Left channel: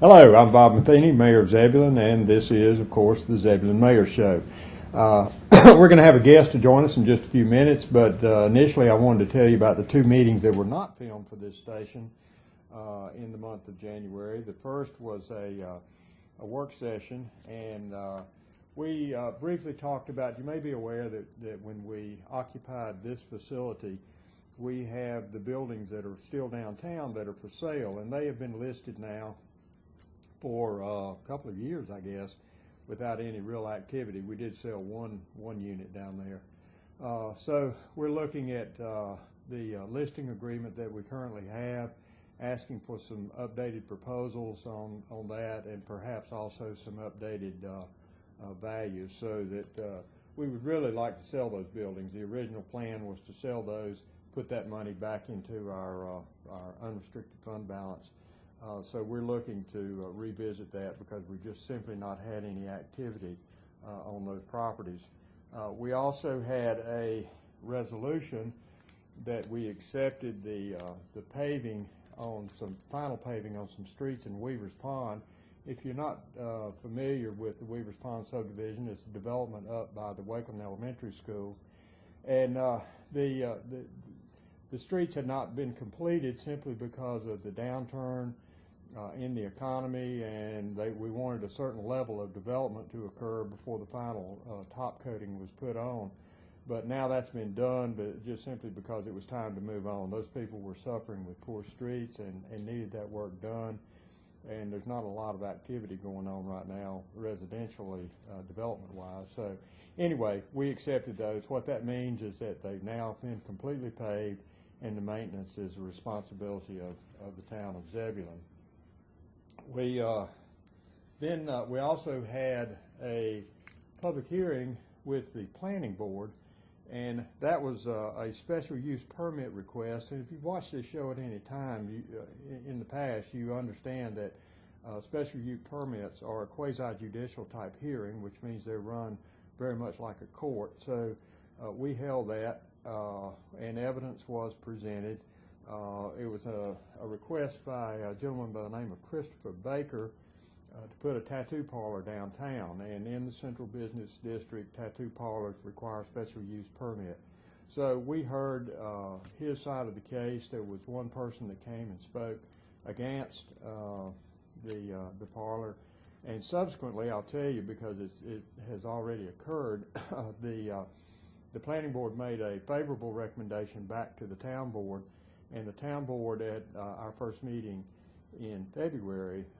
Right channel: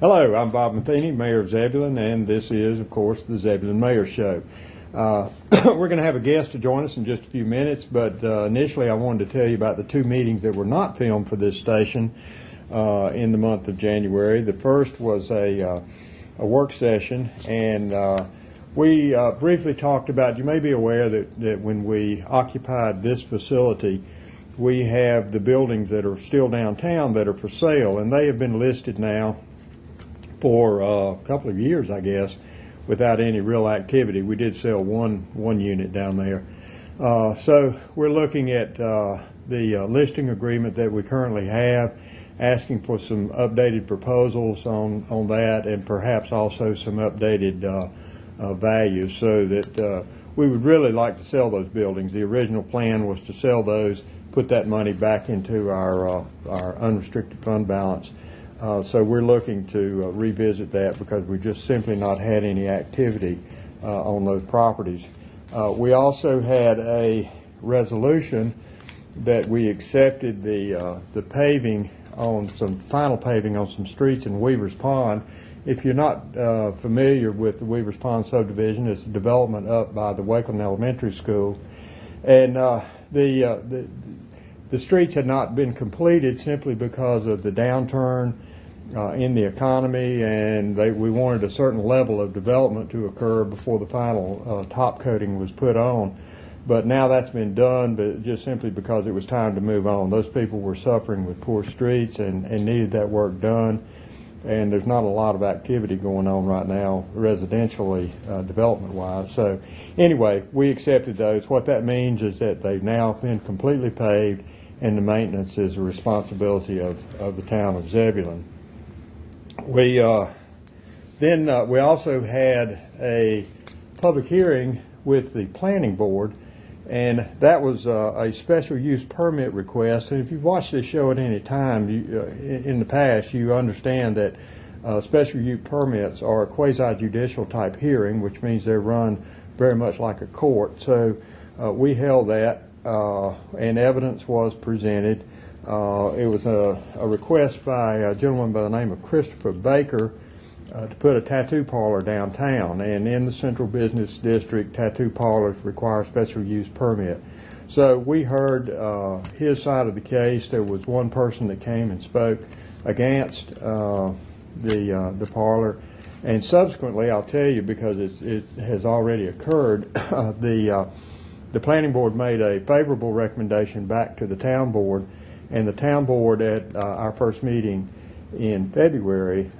Hello, I'm Bob Matheny, Mayor of Zebulon, and this is, of course, the Zebulon Mayor Show. We're going to have a guest to join us in just a few minutes, but initially I wanted to tell you about the two meetings that were not filmed for this station in the month of January. The first was a work session, and we briefly talked about, you may be aware that when we occupied this facility, we have the buildings that are still downtown that are for sale, and they have been listed now for a couple of years, I guess, without any real activity. We did sell one unit down there. So we're looking at the listing agreement that we currently have, asking for some updated proposals on that, and perhaps also some updated values, so that we would really like to sell those buildings. The original plan was to sell those, put that money back into our unrestricted fund balance. So we're looking to revisit that because we've just simply not had any activity on those properties. We also had a resolution that we accepted the paving on some final paving on some streets in Weaver's Pond. If you're not familiar with the Weaver's Pond subdivision, it's a development up by the Wakeland Elementary School, and the streets had not been completed simply because of the downturn in the economy, and we wanted a certain level of development to occur before the final top coating was put on. But now that's been done, but just simply because it was time to move on. Those people were suffering with poor streets and needed that work done, and there's not a lot of activity going on right now residentially, development-wise. So anyway, we accepted those. What that means is that they've now been completely paved, and the maintenance is a responsibility of the town of Zebulon. We also had a public hearing with the planning board, and that was a special use permit request. And if you've watched this show at any time in the past, you understand that special use permits are a quasi-judicial type hearing, which means they're run very much like a court. So we held that, and evidence was presented. It was a request by a gentleman by the name of Christopher Baker to put a tattoo parlor downtown, and in the central business district, tattoo parlors require a special use permit. So we heard his side of the case. There was one person that came and spoke against the parlor, and subsequently, I'll tell you, because it has already occurred, the planning board made a favorable recommendation back to the town board, and the town board at our first meeting in February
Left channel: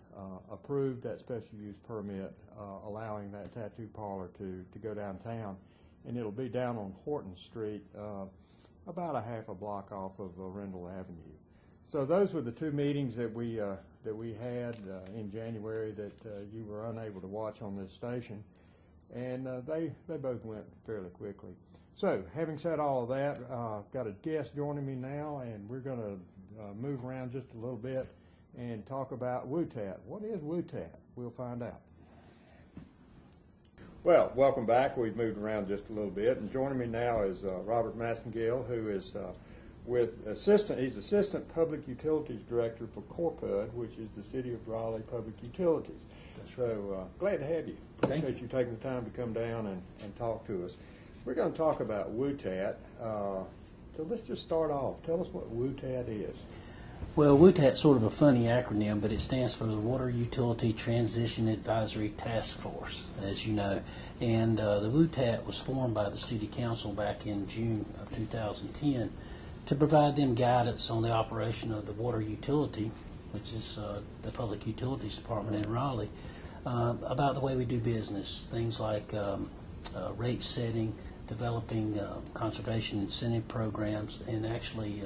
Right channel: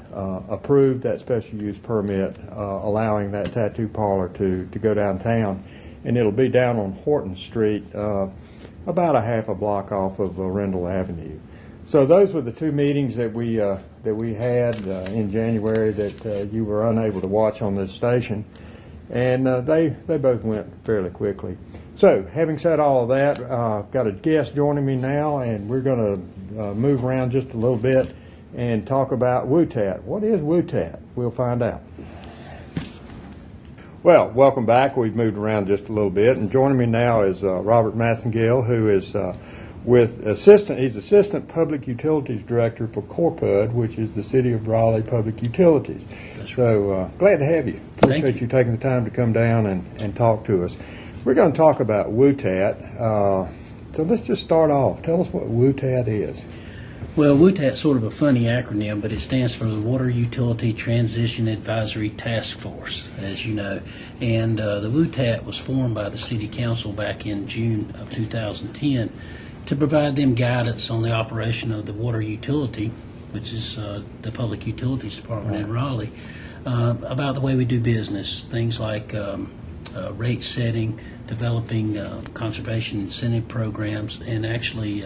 approved that special use permit, allowing that tattoo parlor to go downtown, and it'll be down on Horton Street, about a half a block off of Rendell Avenue. So those were the two meetings that we had in January that you were unable to watch on this station, and they both went fairly quickly. So, having said all of that, I've got a guest joining me now, and we're going to move around just a little bit and talk about WUTAT. What is WUTAT? We'll find out. Well, welcome back. We've moved around just a little bit, and joining me now is Robert Massengale, who is he's Assistant Public Utilities Director for Corpud, which is the City of Raleigh Public Utilities. That's right. So, glad to have you. Appreciate you taking the time to come down and talk to us. We're going to talk about WUTAT. So let's just start off. Tell us what WUTAT is. Well, WUTAT's sort of a funny acronym, but it stands for the Water Utility Transition Advisory Task Force, as you know. And the WUTAT was formed by the City Council back in June of 2010 to provide them guidance on the operation of the water utility, which is the Public Utilities Department in Raleigh, about the way we do business, things like rate setting, developing conservation incentive programs, and actually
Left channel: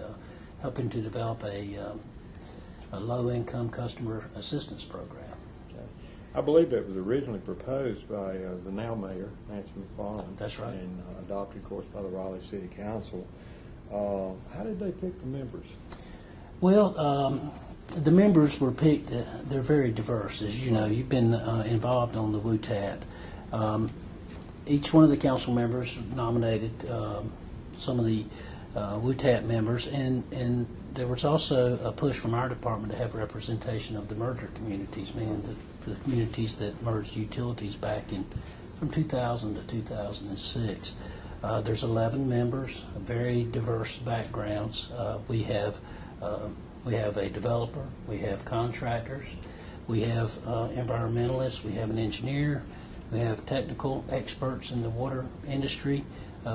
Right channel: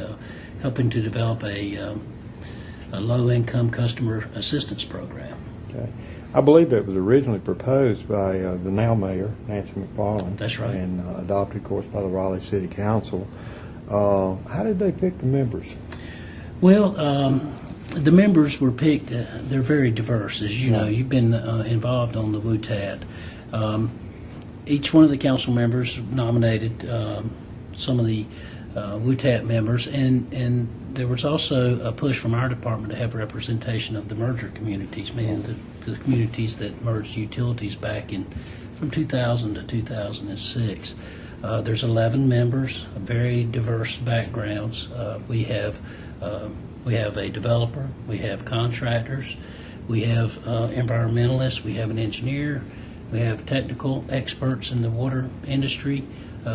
helping to develop a low-income customer assistance program. Okay. I believe that was originally proposed by the now mayor, Nancy McFarland. That's right. And adopted, of course, by the Raleigh City Council. How did they pick the members? Well, the members were picked. They're very diverse, as you know. You've been involved on the WUTAT. Each one of the council members nominated some of the WUTAT members, and there was also a push from our department to have representation of the merger communities, the communities that merged utilities back in from 2000 to 2006. There's 11 members, very diverse backgrounds. We have a developer, we have contractors, we have environmentalists, we have an engineer, we have technical experts in the water industry.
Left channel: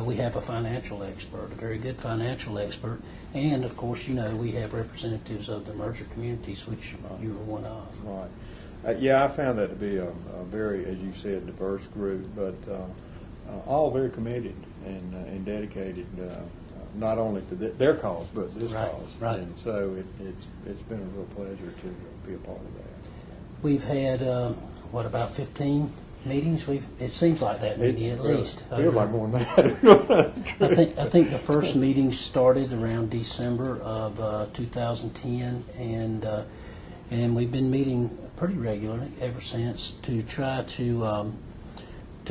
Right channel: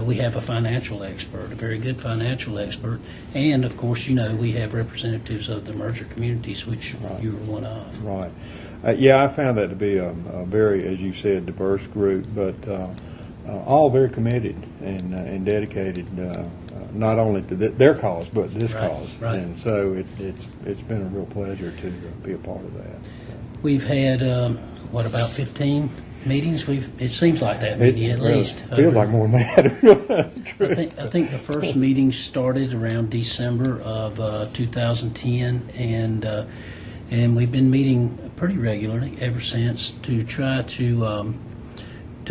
We have a financial expert, a very good financial expert, and of course, we have representatives of the merger communities, which you were one of. Right. Yeah, I found that to be a very, as you said, diverse group, but all very committed and dedicated, not only to their cause, but this cause. Right. And so it's been a real pleasure to be a part of that. So. We've had, about 15 meetings? It seems like that, maybe at least. Feels like more than that. I think the first meeting started around December of 2010, and we've been meeting pretty regularly ever since to try to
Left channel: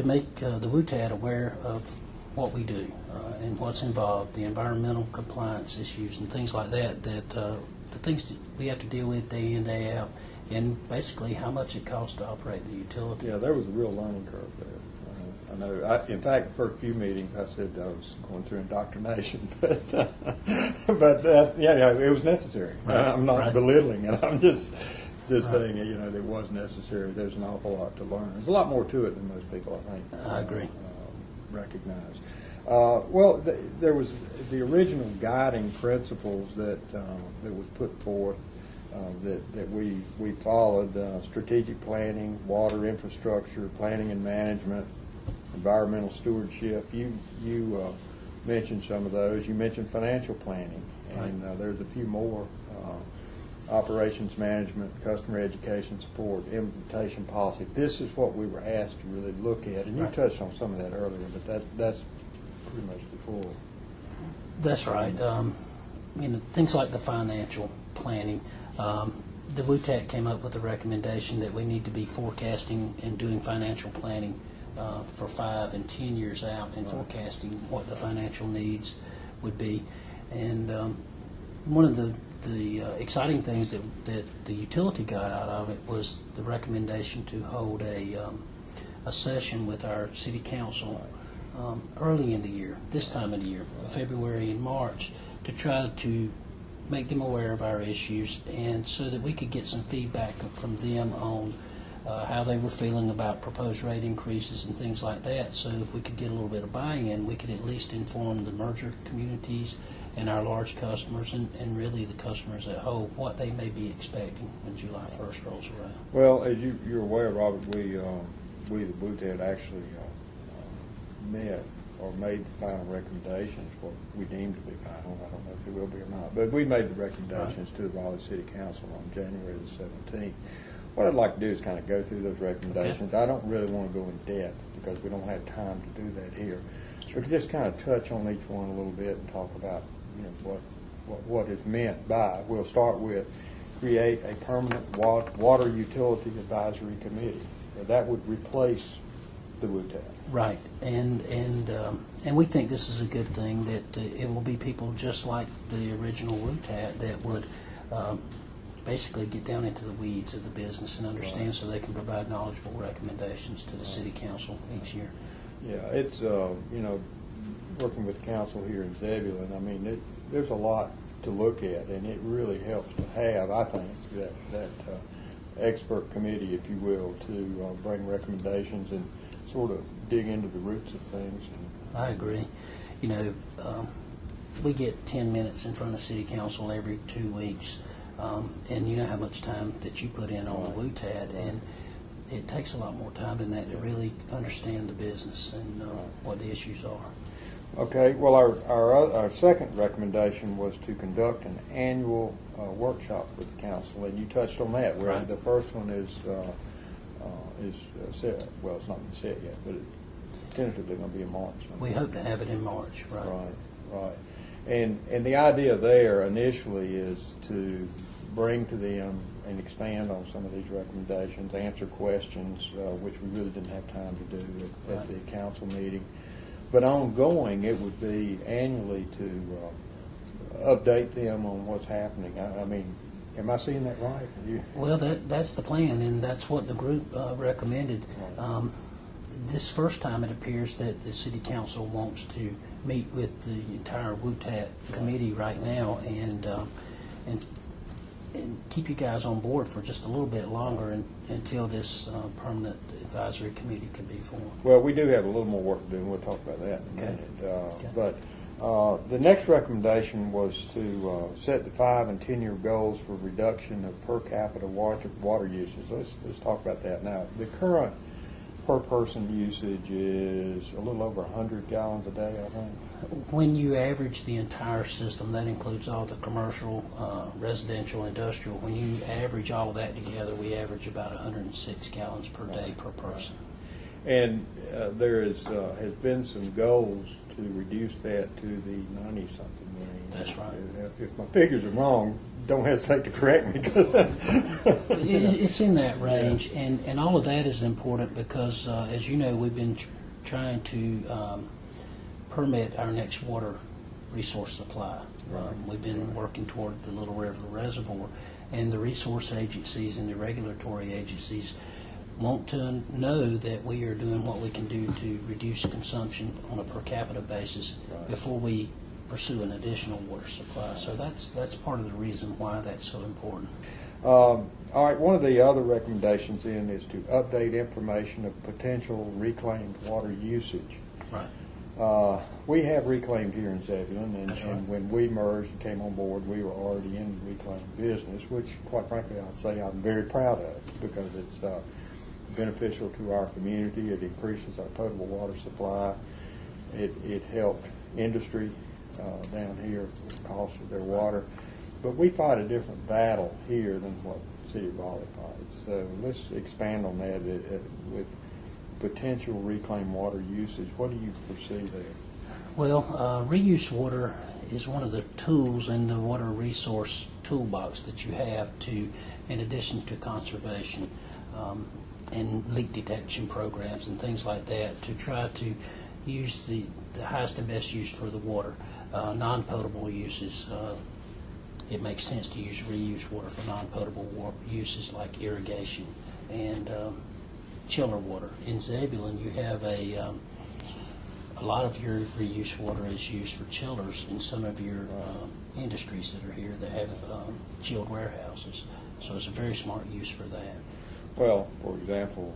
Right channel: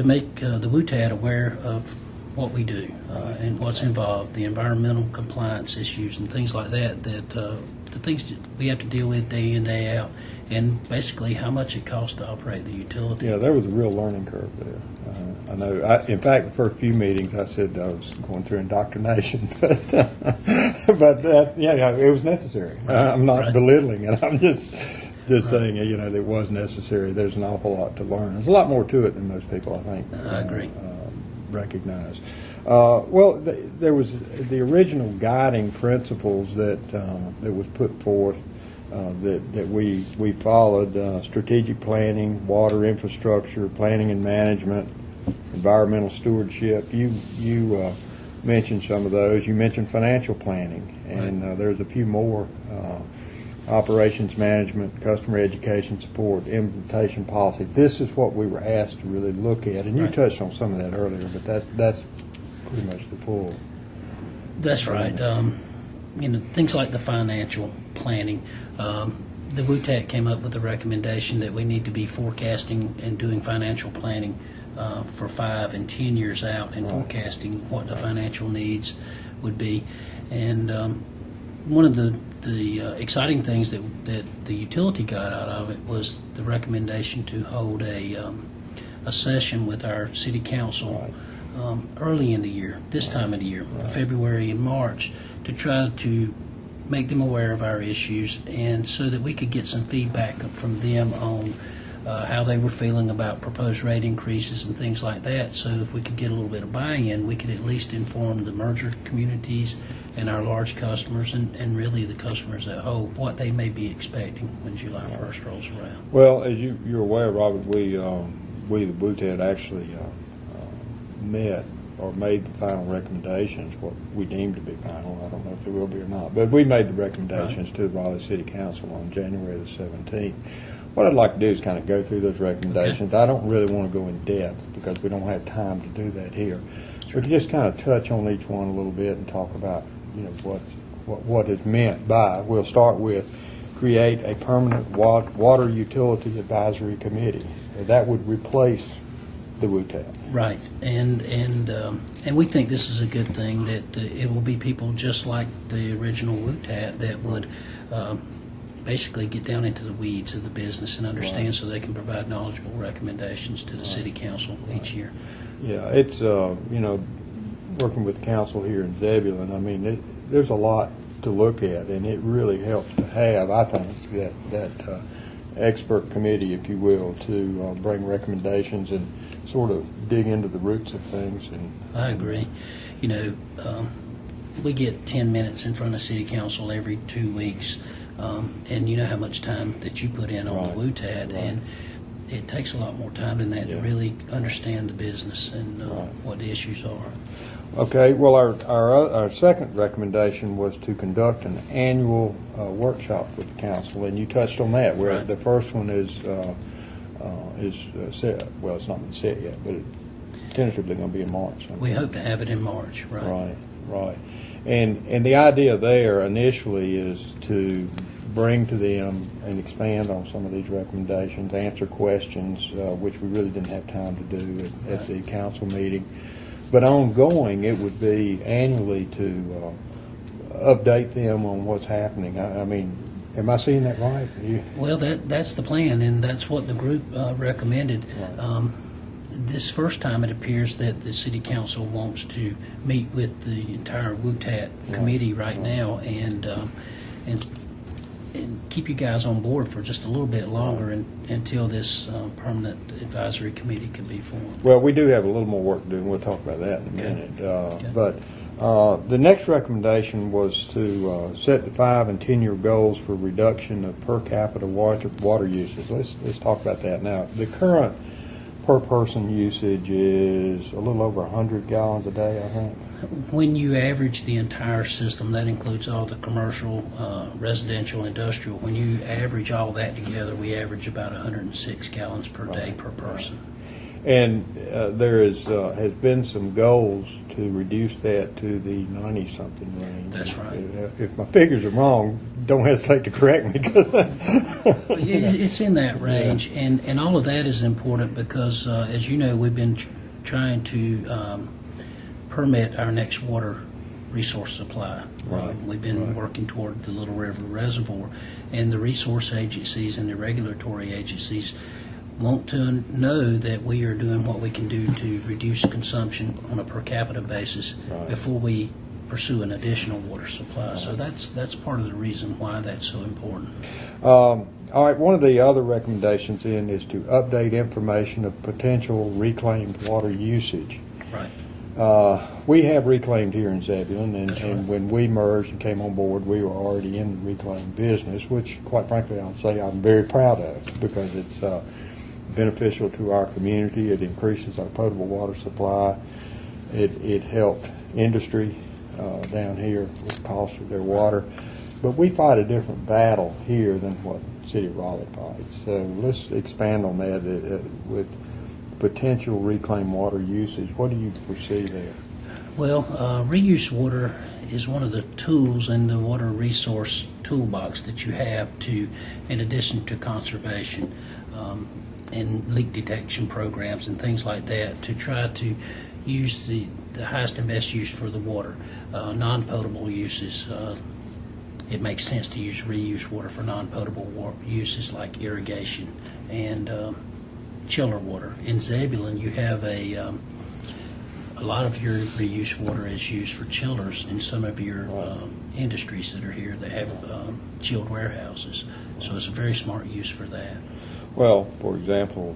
make the WUTAT aware of what we do and what's involved, the environmental compliance issues and things like that, the things that we have to deal with day in, day out, and basically how much it costs to operate the utility. Yeah, there was a real learning curve there. I know. In fact, the first few meetings, I said I was going through indoctrination, but it was necessary. I'm not belittling it. I'm just saying, it was necessary. There's an awful lot to learn. There's a lot more to it than most people, I think, I agree. Recognize. There was the original guiding principles that was put forth that we followed: strategic planning, water infrastructure, planning and management, environmental stewardship. You mentioned some of those. You mentioned financial planning, and there's a few more: operations management, customer education support, implementation policy. This is what we were asked to really look at, and you touched on some of that earlier, but that's pretty much the full. That's right. Things like the financial planning. The WUTAT came up with a recommendation that we need to be forecasting and doing financial planning for 5 and 10 years out, and forecasting what the financial needs would be. And one of the exciting things that the utility got out of it was the recommendation to hold a session with our city council early in the year, this time of the year, February and March, to try to make them aware of our issues, and so that we could get some feedback from them on how they were feeling about proposed rate increases and things like that. So if we could get a little bit of buy-in, we could at least inform the merger communities and our large customers, and really the customers at home, what they may be expecting when July 1st rolls around. Well, as you're aware, Robert, we the WUTAT actually met or made the final recommendations, what we deemed to be final. I don't know if they will be or not, but we made the recommendations to the Raleigh City Council on January the 17th. What I'd like to do is kind of go through those recommendations. I don't really want to go in depth because we don't have time to do that here. Sure. But just kind of touch on each one a little bit and talk about what is meant by. We'll start with create a permanent water utility advisory committee. That would replace the WUTAT. Right, and we think this is a good thing, that it will be people just like the original WUTAT that would basically get down into the weeds of the business and understand, so they can provide knowledgeable recommendations to the city council each year. Yeah, it's working with the council here in Zebulon. I mean, there's a lot to look at, and it really helps to have, I think, that expert committee, if you will, to bring recommendations and sort of dig into the roots of things. And I agree. We get 10 minutes in front of city council every 2 weeks, and you know how much time that you put in on the WUTAT, and it takes a lot more time than that to really understand the business and what the issues are. Okay, well, our second recommendation was to conduct an annual workshop with the council, and you touched on that, where the first one is set. Well, it's not been set yet, but it's tentatively going to be in March. We hope to have it in March. Right. And the idea there initially is to bring to them and expand on some of these recommendations, answer questions, which we really didn't have time to do at the council meeting. But ongoing, it would be annually to update them on what's happening. I mean, am I seeing that right? Well, that's the plan, and that's what the group recommended. Right. This first time, it appears that the city council wants to meet with the entire WUTAT committee right now, and keep you guys on board for just a little bit longer until this permanent advisory committee can be formed. Well, we do have a little more work to do, and we'll talk about that in a minute. But the next recommendation was to set the 5 and 10-year goals for reduction of per capita water usage. Let's talk about that now. The current per person usage is a little over 100 gallons a day, I think. When you average the entire system, that includes all the commercial, residential, industrial, when you average all that together, we average about 106 gallons per day per person. And there has been some goals to reduce that to the 90-something range. That's right. If my figures are wrong, don't hesitate to correct me. It's in that range, and all of that is important because, as you know, we've been trying to permit our next water resource supply. Right. We've been working toward the Little River Reservoir, and the resource agencies and the regulatory agencies want to know that we are doing what we can do to reduce consumption on a per capita basis before we pursue an additional water supply. So that's part of the reason why that's so important. All right, one of the other recommendations then is to update information of potential reclaimed water usage. Right. We have reclaimed here in Zebulon, and That's right. when we merged and came on board, we were already in the reclaimed business, which, quite frankly, I'll say I'm very proud of because it's beneficial to our community. It increases our potable water supply. It helped industry down here with the cost of their water. But we fight a different battle here than what the City of Raleigh fights. So let's expand on that with potential reclaimed water usage. What do you foresee there? Well, reuse water is one of the tools in the water resource toolbox that you have to, in addition to conservation and leak detection programs and things like that, to try to use the highest and best use for the water. Non-potable uses, it makes sense to use reuse water for non-potable uses like irrigation and chiller water. In Zebulon, you have a lot of your reuse water is used for chillers in some of your industries that are here that have chilled warehouses. So it's a very smart use for that. Well, for example,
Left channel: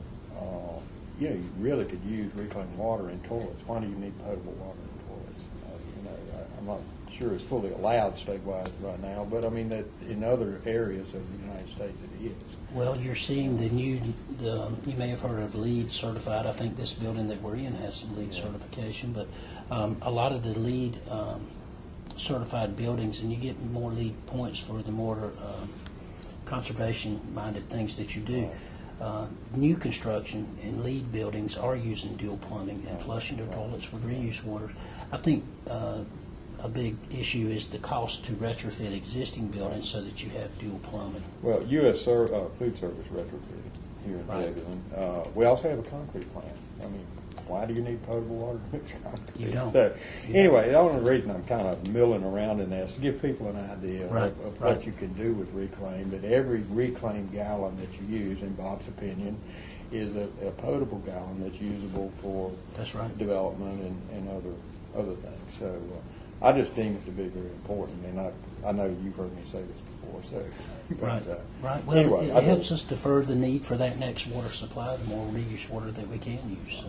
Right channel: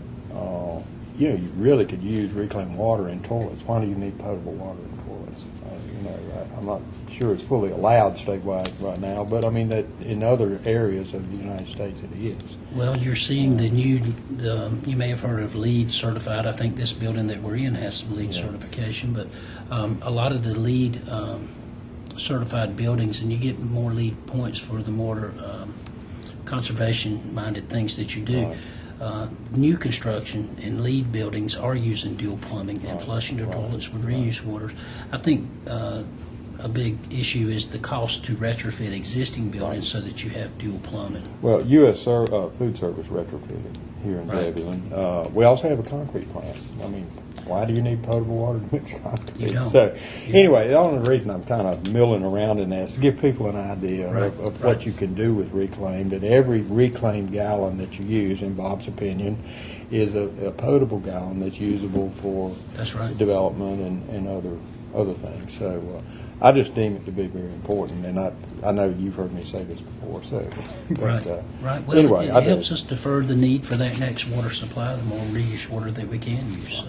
you really could use reclaimed water in toilets. Why do you need potable water in toilets? I'm not sure it's fully allowed statewide right now, but I mean that in other areas of the United States it is. Well, you're seeing you may have heard of LEED certified. I think this building that we're in has some LEED certification, but a lot of the LEED certified buildings, and you get more LEED points for the more conservation-minded things that you do. New construction and LEED buildings are using dual plumbing and flushing their toilets with reuse water. I think a big issue is the cost to retrofit existing buildings so that you have dual plumbing. Well, U.S. Food Service retrofitted here in Zebulon. We also have a concrete plant. I mean, why do you need potable water to mix concrete? You don't. So, anyway, the only reason I'm kind of milling around in that is to give people an idea of what you can do with reclaimed. And every reclaimed gallon that you use, in Bob's opinion, is a potable gallon that's usable for development and other things. So I just deem it to be very important, and I know you've heard me say this before. So, but, right. Well, anyway, it helps us defer the need for that next water supply, the more reuse water that we can use.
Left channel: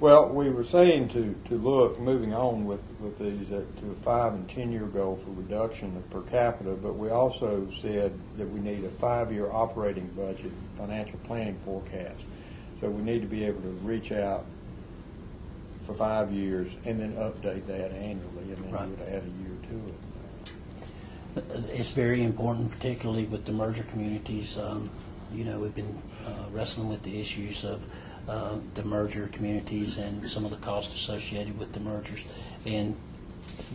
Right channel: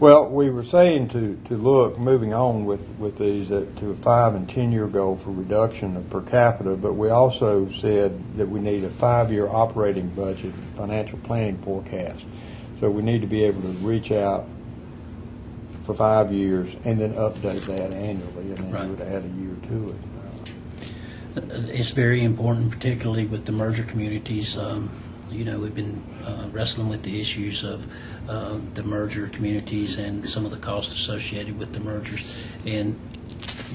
Well, we were saying to look, moving on with these, to a 5 and 10-year goal for reduction of per capita, but we also said that we need a 5-year operating budget, financial planning forecast. So we need to be able to reach out for 5 years and then update that annually, and then you would add a year to it. It's very important, particularly with the merger communities. We've been wrestling with the issues of the merger communities and some of the costs associated with the mergers, and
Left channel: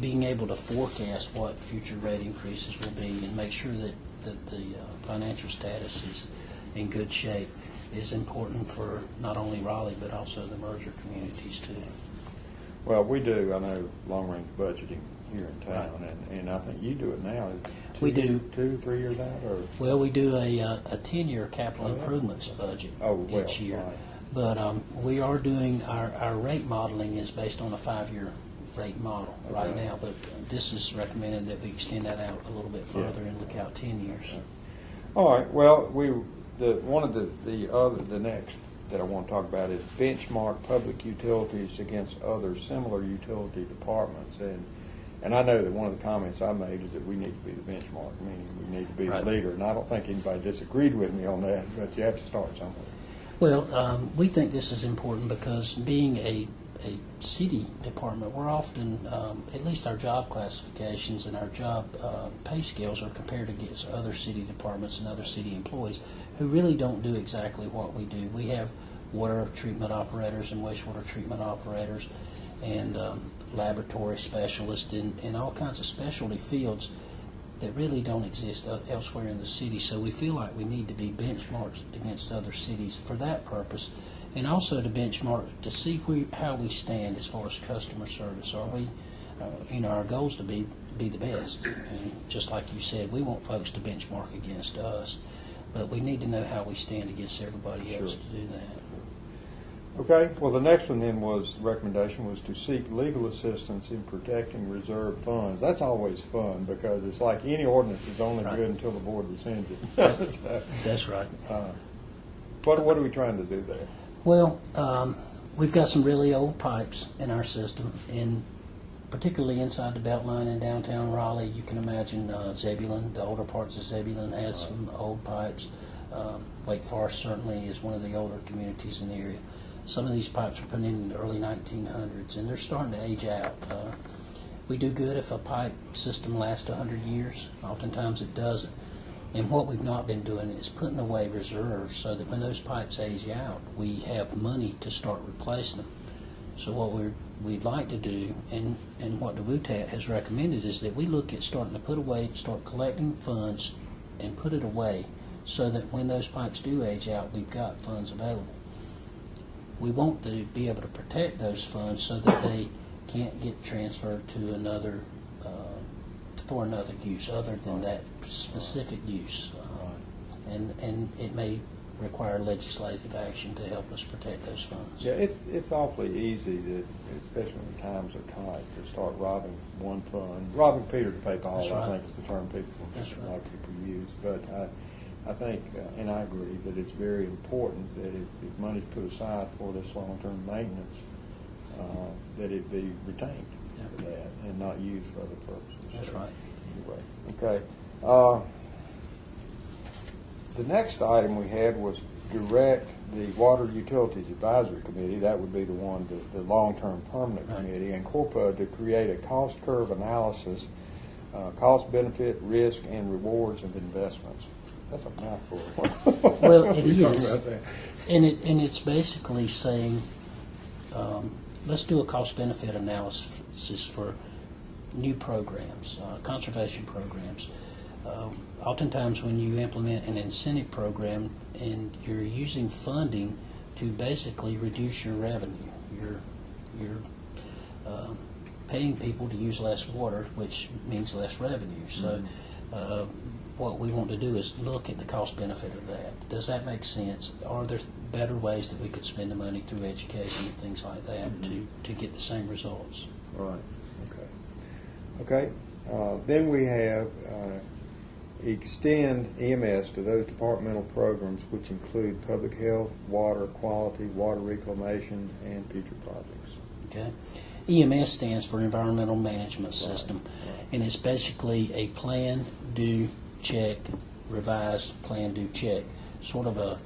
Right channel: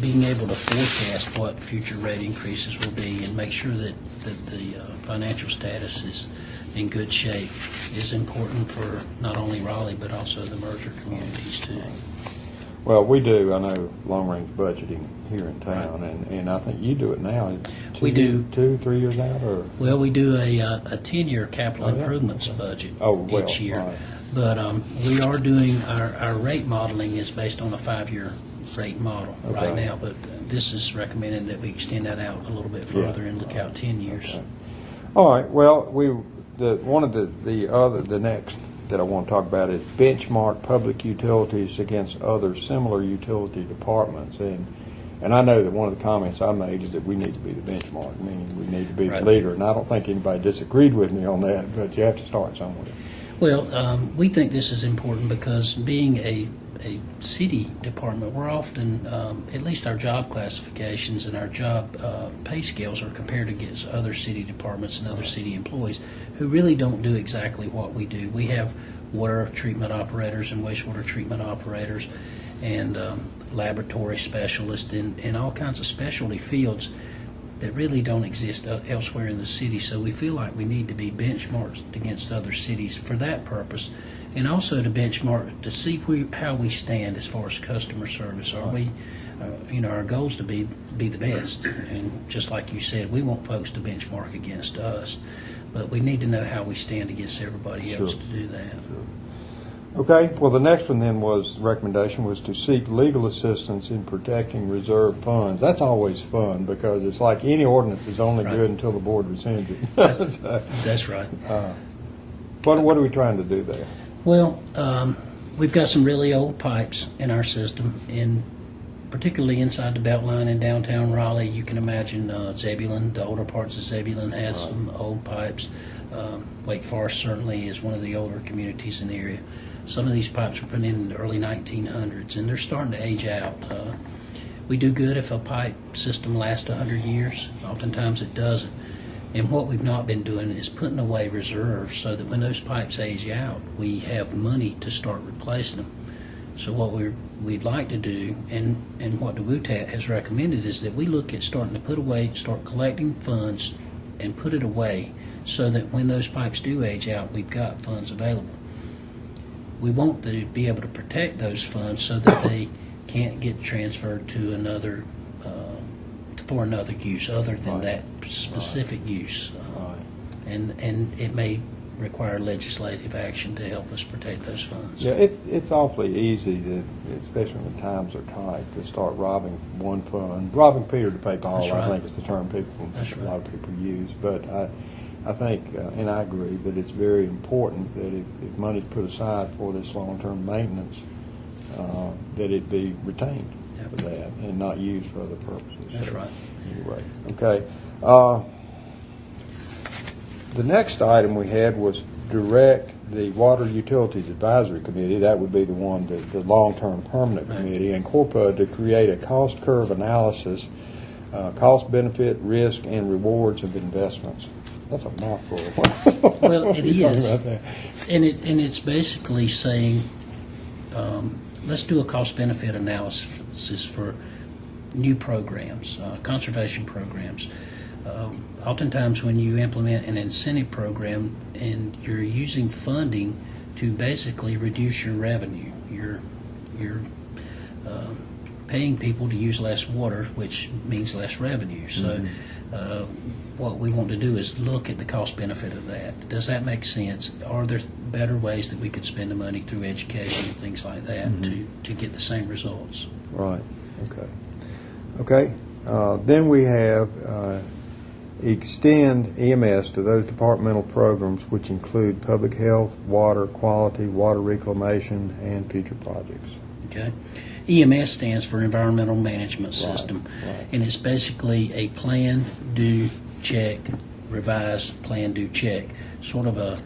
being able to forecast what future rate increases will be and make sure that the financial status is in good shape is important for not only Raleigh but also the merger communities too. Well, we do, I know, long-range budgeting here in town, and I think you do it now. We do. 2-3 years out, or? Well, we do a 10-year capital Oh, yeah. improvements budget Well, each year. right. But we are doing, our rate modeling is based on a 5-year rate model right Okay. now, but this is recommending that we extend that out a little bit Yeah. further and look out 10 years. Okay. All right, well, one of the next that I want to talk about is benchmark public utilities against other similar utility departments. And I know that one of the comments I made is that we need to be the benchmark, meaning we need to be Right. the leader. And I don't think anybody disagreed with me on that, but you have to start somewhere. Well, we think this is important because being a city department, we're often, at least our job classifications and our job pay scales are compared against other city departments and other city employees who really don't do exactly what we do. We have water treatment operators and wastewater treatment operators and laboratory specialists in all kinds of specialty fields that really don't exist elsewhere in the city. So we feel like we need to be benchmarked against other cities for that purpose, and also to benchmark to see how we stand as far as customer service. Are we, our goal is to be the best, and just like you said, we want folks to benchmark against us, but we need to know how we stand against everybody else Sure. to do that. Okay, well, the next one then recommendation was to seek legal assistance in protecting reserved funds. That's always fun because it's like any ordinance is only Right. good until the board rescinds it. So, That's right. what are we trying to do there? Well, we've got some really old pipes in our system, particularly inside the Beltline in downtown Raleigh. You can imagine Zebulon, the older parts of Zebulon has some old pipes. Wake Forest certainly is one of the older communities in the area. Some of these pipes were put in the early 1900s, and they're starting to age out. We do good if a pipe system lasts 100 years. Oftentimes it doesn't. And what we've not been doing is putting away reserves so that when those pipes age out, we have money to start replacing them. So what we'd like to do, and what the WUTAT has recommended, is that we look at starting to put away, start collecting funds and put it away so that when those pipes do age out, we've got funds available. We want to be able to protect those funds so that they can't get transferred to another, for another use other than Right. that specific use. Right. And it may require legislative action to help us protect those funds. Yeah, it's awfully easy, especially when times are tight, to start robbing one fund. Robbing Peter to pay Paul, That's I right. think is the term That's a lot right. of people use. But I think, and I agree, that it's very important that if money's put aside for this long-term maintenance, that it be retained Yep. for that and not used for other purposes. That's So, right. Anyway, okay. The next item we had was direct the Water Utilities Advisory Committee, that would be the one, the long-term permanent Right. committee, and Corpa to create a cost curve analysis, cost, benefit, risk, and rewards of investments. That's a mouthful. Well, it You're talking is. about that. And it's basically saying, let's do a cost-benefit analysis for new programs, conservation programs. Oftentimes when you implement an incentive program and you're using funding to basically reduce your revenue, you're paying people to use less water, which means less revenue. So what we want to do is look at the cost benefit of that. Does that make sense? Are there better ways that we could spend the money through education and things like that to get the same results? Right, okay. Then we have extend EMS to those departmental programs which include public health, water quality, water reclamation, and future projects. Okay. EMS stands for Environmental Management System, right. and it's basically a plan, do, check, revise, plan, do, check, sort of a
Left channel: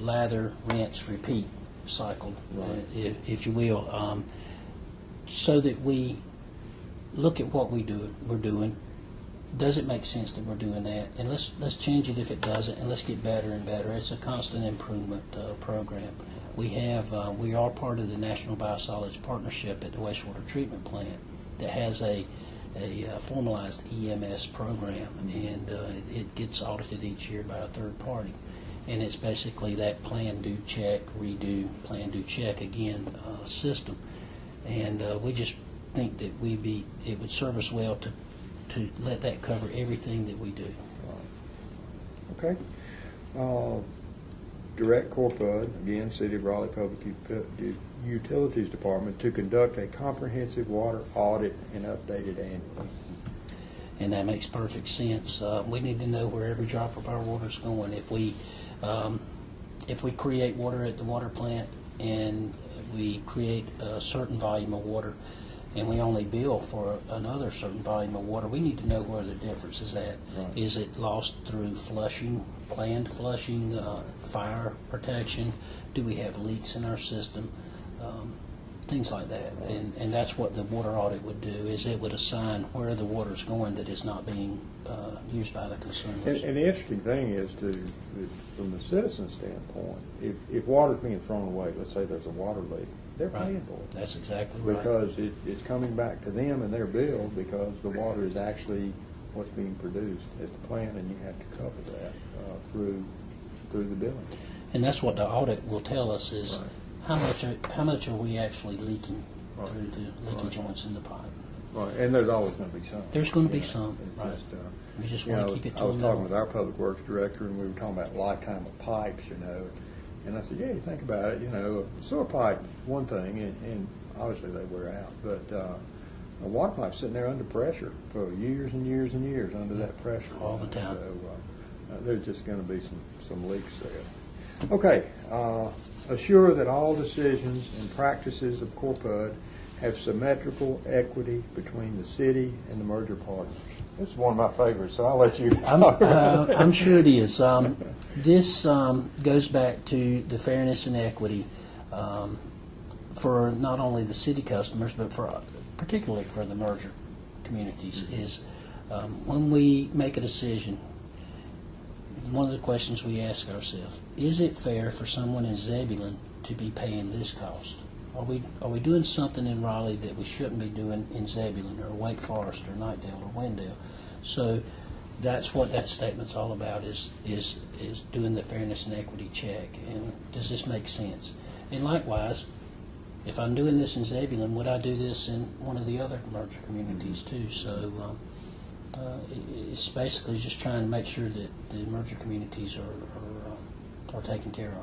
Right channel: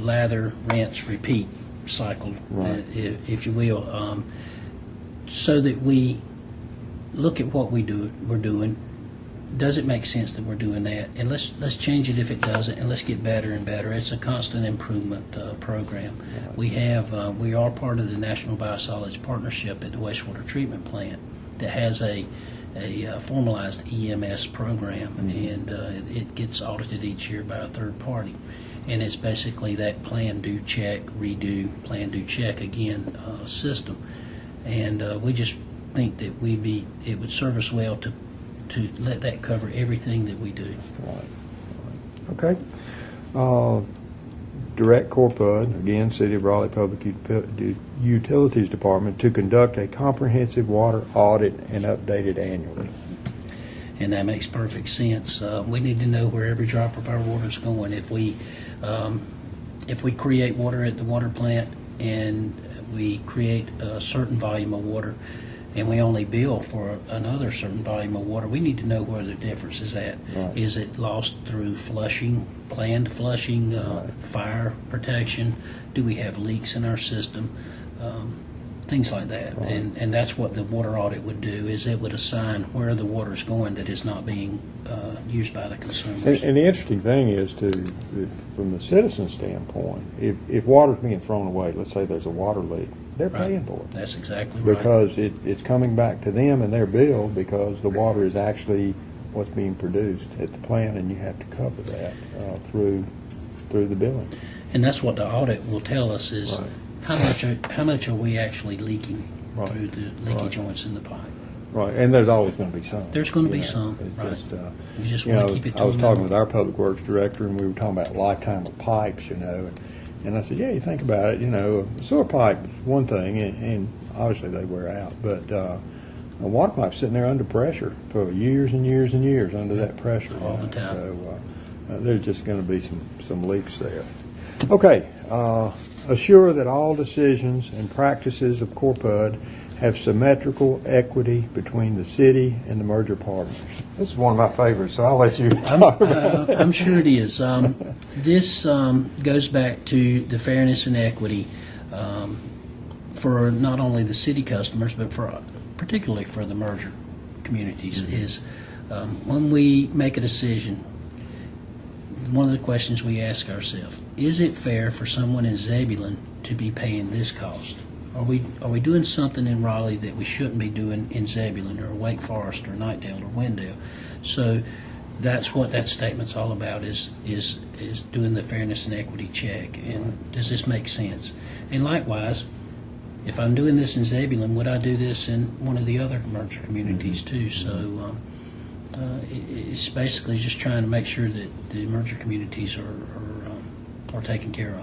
lather, rinse, repeat cycle, Right. if you will, so that we look at what we're doing. Does it make sense that we're doing that? And let's change it if it doesn't, and let's get better and better. It's a constant improvement program. We are part of the National Biosolids Partnership at the wastewater treatment plant that has a formalized EMS program, and it gets audited each year by a third party. And it's basically that plan, do, check, redo, plan, do, check again system. and we just think that it would serve us well to let that cover everything that we do. Right. Okay. Direct Corpud, again, City of Raleigh Public Utilities Department, to conduct a comprehensive water audit and update it annually. And that makes perfect sense. We need to know where every drop of our water is going. If we create water at the water plant and we create a certain volume of water, and we only bill for another certain volume of water, we need to know where the difference is at. Right. Is it lost through flushing, planned flushing, Right. fire protection? Do we have leaks in our system? Things like that. Right. And that's what the water audit would do, is it would assign where the water is going that is not being used by the consumers. And the interesting thing is, from the citizen standpoint, if water's being thrown away, let's say there's a water leak, they're Right. paying for it. That's exactly right. Because it's coming back to them in their bill, because the water is actually what's being produced at the plant, and you have to cover that through the billing. And that's what the audit will tell us is Right. how much are we actually leaking Right. through the leaky Right. joints in the pipe. Right, and there's always going to be some. There's going to be You know, some, it's right. just, You just you want know, to keep it to I was a talking minimum. with our public works director, and we were talking about lifetime of pipes, you know, and I said, yeah, you think about it, you know, a sewer pipe is one thing, and obviously they wear out, but a water pipe's sitting there under pressure for years and years and years under that pressure. All you the know, time. So there's just going to be some leaks there. Okay, assure that all decisions and practices of Corpud have symmetrical equity between the city and the merger partners. This is one of my favorites, so I'll let you talk about it. I'm sure it is. This goes back to the fairness and equity for not only the city customers, but particularly for the merger communities. Is when we make a decision, one of the questions we ask ourselves: is it fair for someone in Zebulon to be paying this cost? Are we doing something in Raleigh that we shouldn't be doing in Zebulon or Wake Forest or Knightdale or Wendell? So that's what that statement's all about, is doing the fairness and equity check. And does this make sense? And likewise, if I'm doing this in Zebulon, would I do this in one of the other merger communities too? So it's basically just trying to make sure that the merger communities are taken care of.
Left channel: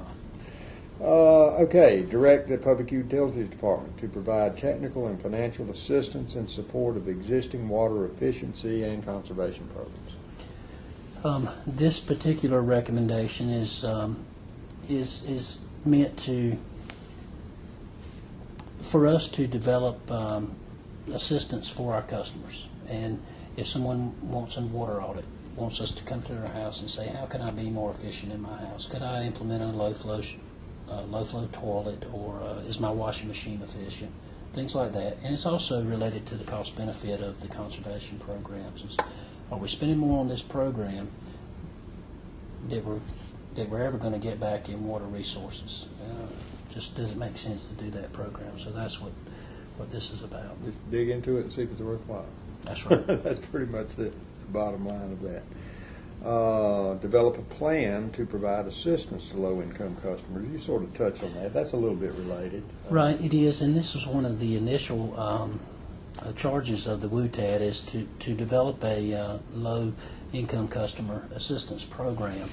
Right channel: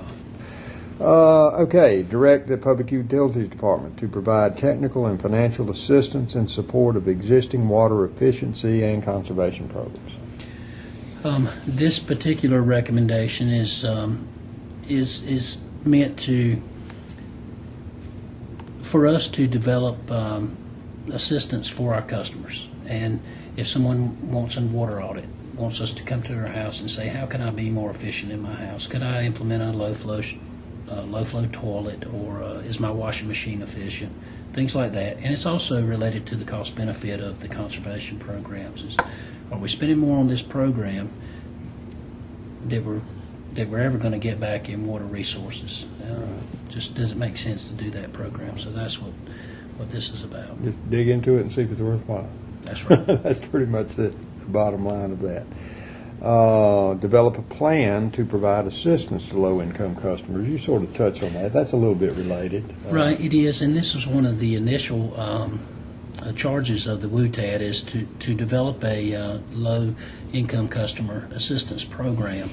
Okay, direct the Public Utilities Department to provide technical and financial assistance in support of existing water efficiency and conservation programs. This particular recommendation is meant for us to develop assistance for our customers. And if someone wants a water audit, wants us to come to their house and say, how can I be more efficient in my house? Could I implement a low flow toilet, or is my washing machine efficient? Things like that. And it's also related to the cost benefit of the conservation programs. Are we spending more on this program that we're ever going to get back in water resources? Just does it make sense to do that program? So that's what this is about. Just dig into it and see if it's worthwhile. That's right. That's pretty much the bottom line of that. Develop a plan to provide assistance to low-income customers. You sort of touched on that. That's a little bit related. Right, it is, and this is one of the initial charges of the WUTAD, is to develop a low-income customer assistance program.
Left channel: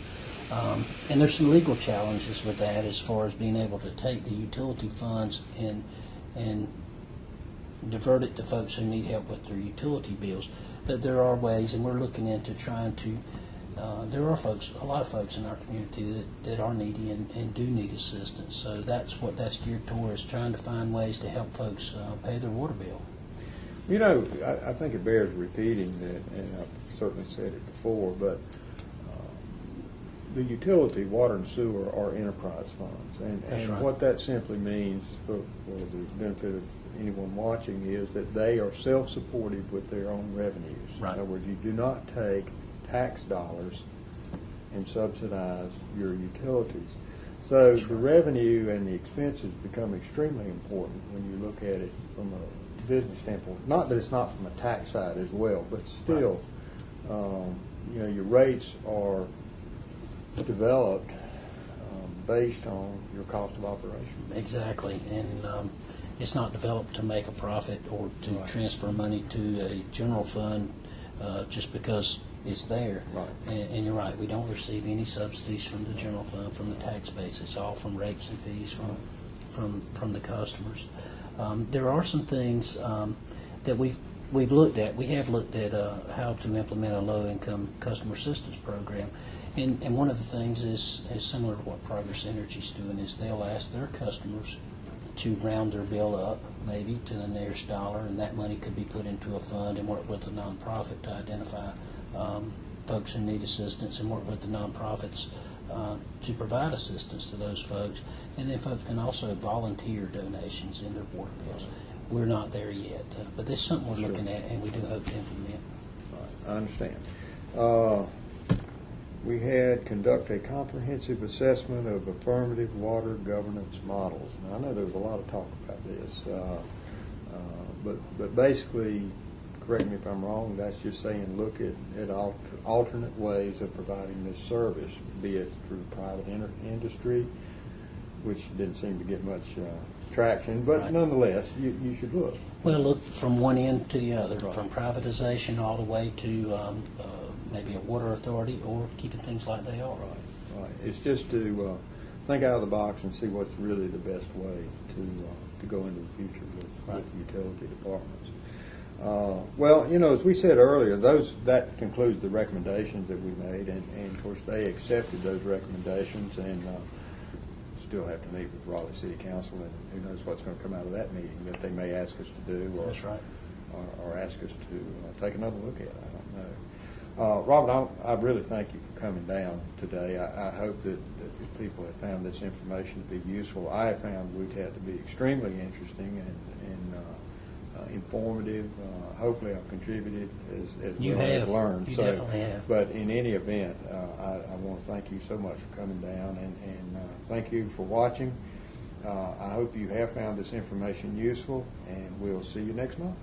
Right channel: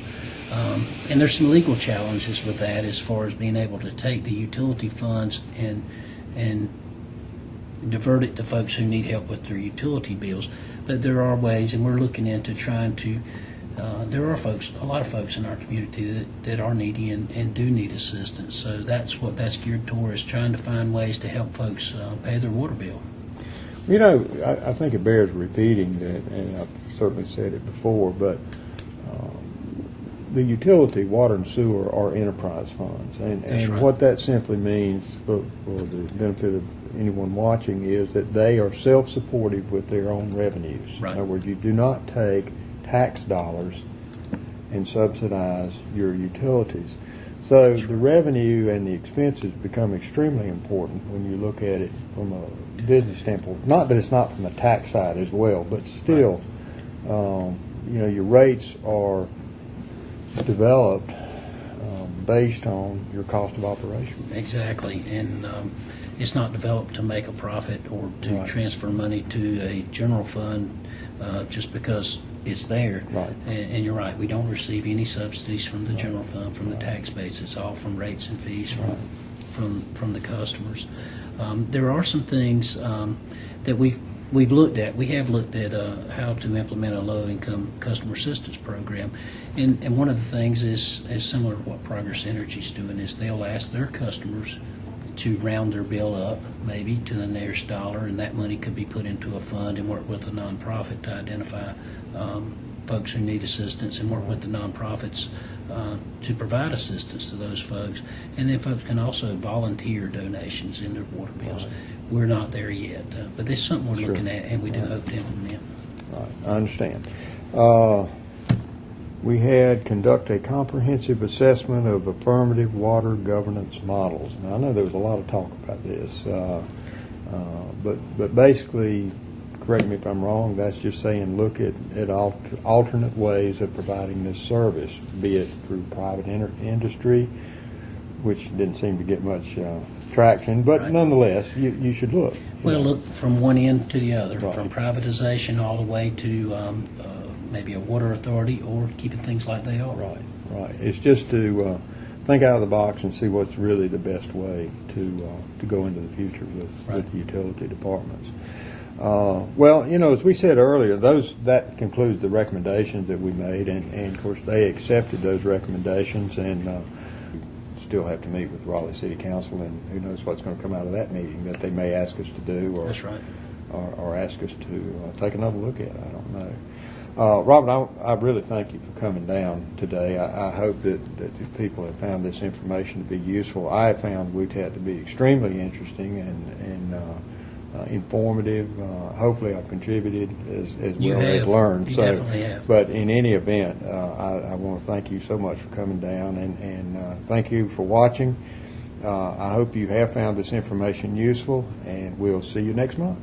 And there's some legal challenges with that, as far as being able to take the utility funds and divert it to folks who need help with their utility bills. But there are ways, and we're looking into trying to. There are a lot of folks in our community that are needy and do need assistance. So that's what that's geared toward, is trying to find ways to help folks pay their water bill. You know, I think it bears repeating that, and I've certainly said it before, but the utility, water and sewer, are enterprise funds. That's And right. what that simply means, for the benefit of anyone watching, is that they are self-supportive with their own revenues. Right. In other words, you do not take tax dollars and subsidize your utilities. So the revenue and the expenses become extremely important when you look at it from a business standpoint. Not that it's not from the tax side as well, but still, you know, your rates are developed based on your cost of operation. Exactly, and it's not developed to make a profit or to Right. transfer money to a general fund just because it's there. Right. And you're right, we don't receive any subsidies from the general fund, from the tax base. It's all from rates and fees from the customers. There are some things that we've looked at. We have looked at how to implement a low-income customer assistance program, and one of the things is similar to what Progress Energy's doing, is they'll ask their customers to round their bill up, maybe to the nearest dollar, and that money could be put into a fund and work with a nonprofit to identify folks who need assistance and work with the nonprofits to provide assistance to those folks. And then folks can also volunteer donations in their water bills. Right. We're not there yet, but this is something we're Sure. looking at, and we do hope to implement. Right, I understand. We had conduct a comprehensive assessment of affirmative water governance models. Now, I know there was a lot of talk about this, but basically, correct me if I'm wrong, that's just saying look at alternate ways of providing this service, be it through private industry, which didn't seem to get much traction, but Right. nonetheless, you should look. Well, look from one end to the other, Right. from privatization all the way to maybe a water authority, or keeping things like they are. Right, right. It's just to think out of the box and see what's really the best way to go into the future with the utility departments. Well, as we said earlier, that concludes the recommendations that we made, and of course they accepted those recommendations, and still have to meet with Raleigh City Council, and who knows what's going to come out of that meeting that they may ask us to do, or That's right. or ask us to take another look at. I don't know. Robert, I really thank you for coming down today. I hope that people have found this information to be useful. I have found WUTAT to be extremely interesting and informative. Hopefully I've contributed as You well as have. learned. You So, definitely have. but in any event, I want to thank you so much for coming down, and thank you for watching. I hope you have found this information useful, and we'll see you next month.